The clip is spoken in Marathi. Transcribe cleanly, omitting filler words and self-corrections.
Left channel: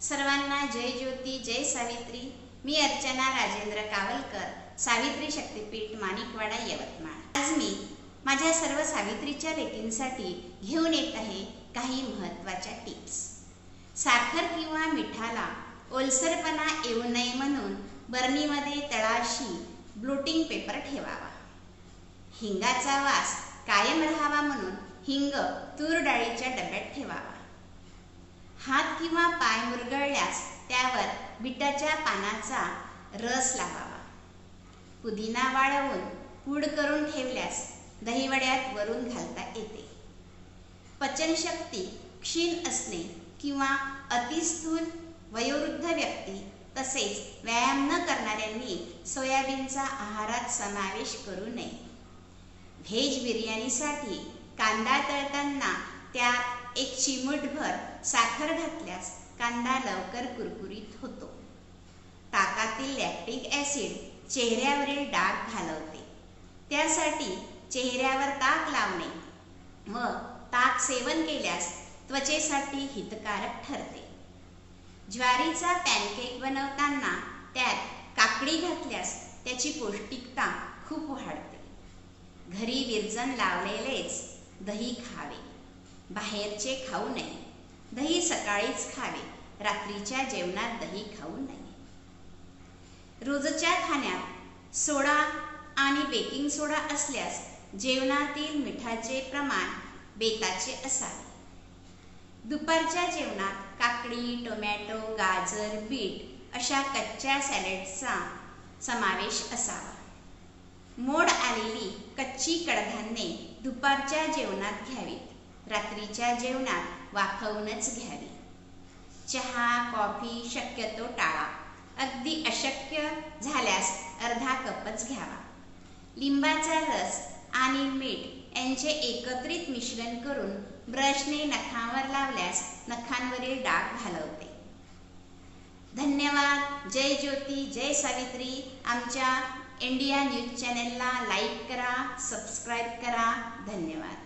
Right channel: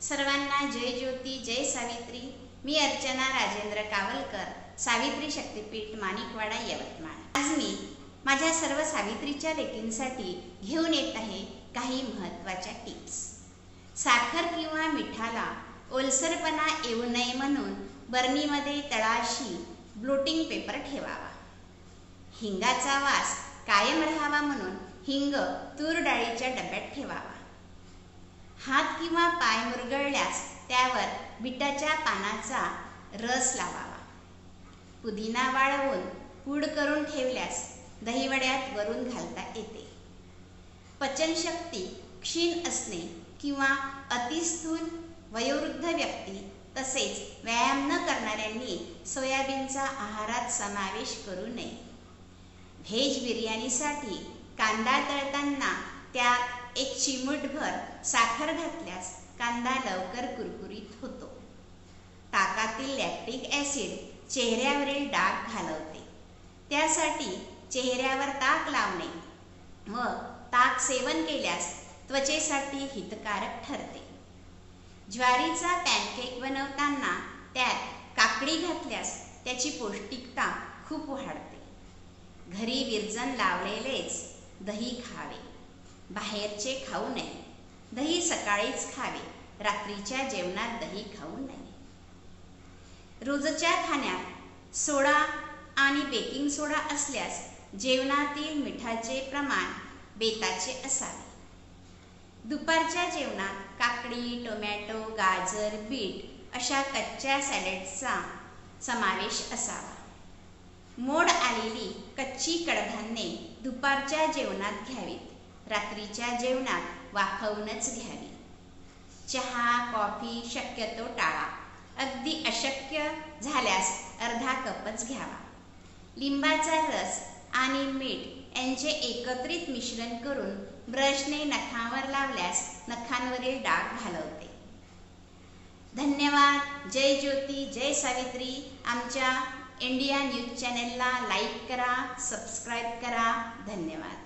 सर्वांना जय ज्योती, जय सावित्री। मी अर्चना राजेंद्र कावलकर, सावित्री शक्तीपीठ, माणिकवाडा, यवतमाळ। आज मी माझ्या सर्व सावित्रीच्या लेकींसाठी घेऊन येत आहे काही महत्त्वाच्या टिप्स। साखर किंवा मिठाला ओलसरपणा येऊ नये म्हणून बरणीमध्ये तळाशी ब्लोटिंग पेपर ठेवावा। हिंगाचा वास कायम राहावा म्हणून हिंग तूर डाळीच्या डब्यात ठेवावा। हात किंवा पाय मुरगळल्यास त्यावर बीटाच्या पानाचा रस लावावा। पुदिना वाळवून पूड करून ठेवल्यास दहीवड्यात वरून घालता येते। पचनशक्ती क्षीण असणे किंवा अतिस्थूल वयोवृद्ध व्यक्ती तसेच व्यायाम न करणाऱ्यांनी सोयाबीनचा आहारात समावेश करू नये। व्हेज बिर्याणीसाठी कांदा तळताना त्यात एक चिमूटभर साखर घातल्यास कांदा लवकर कुरकुरीत होतो। ताकातील लॅक्टिक ॲसिड चेहऱ्यावरील डाग घालवते, त्यासाठी चेहऱ्यावर ताक लावणे व ताक सेवन केल्यास त्वचेसाठी हितकारक ठरते। ज्वारीचा पॅनकेक बनवताना त्यात काकडी घातल्यास त्याची पौष्टिकता खूप वाढते। घरी विरजण लावलेलेच दही खावे, बाहेरचे खाऊ नये। दही सकाळीच खावे, रात्रीच्या जेवणात दही खाऊ नये। रोजच्या खाण्यात सोडा आणि बेकिंग सोडा असल्यास जेवणातील मिठाचे प्रमाण बेताचे असावे। दुपारच्या जेवणात काकडी, टोमॅटो, गाजर, बीट अशा कच्च्या सॅलडचा समावेश असावा। मोड आलेली कच्ची कडधान्ये दुपारच्या जेवणात घ्यावीत, रात्रीच्या जेवणात वाफवूनच घ्यावी। चहा, कॉफी शक्यतो टाळा, अगदी अशक्य झाल्यास अर्धा कपच घ्यावा। लिंबाचा रस आणि मीठ यांचे एकत्रित मिश्रण करून ब्रशने नखावर लावल्यास नखांवरील डाग घालवते। धन्यवाद। जय ज्योती, जय सावित्री। आमच्या इंडिया न्यूज चॅनेलला लाईक करा, सबस्क्राईब करा। धन्यवाद।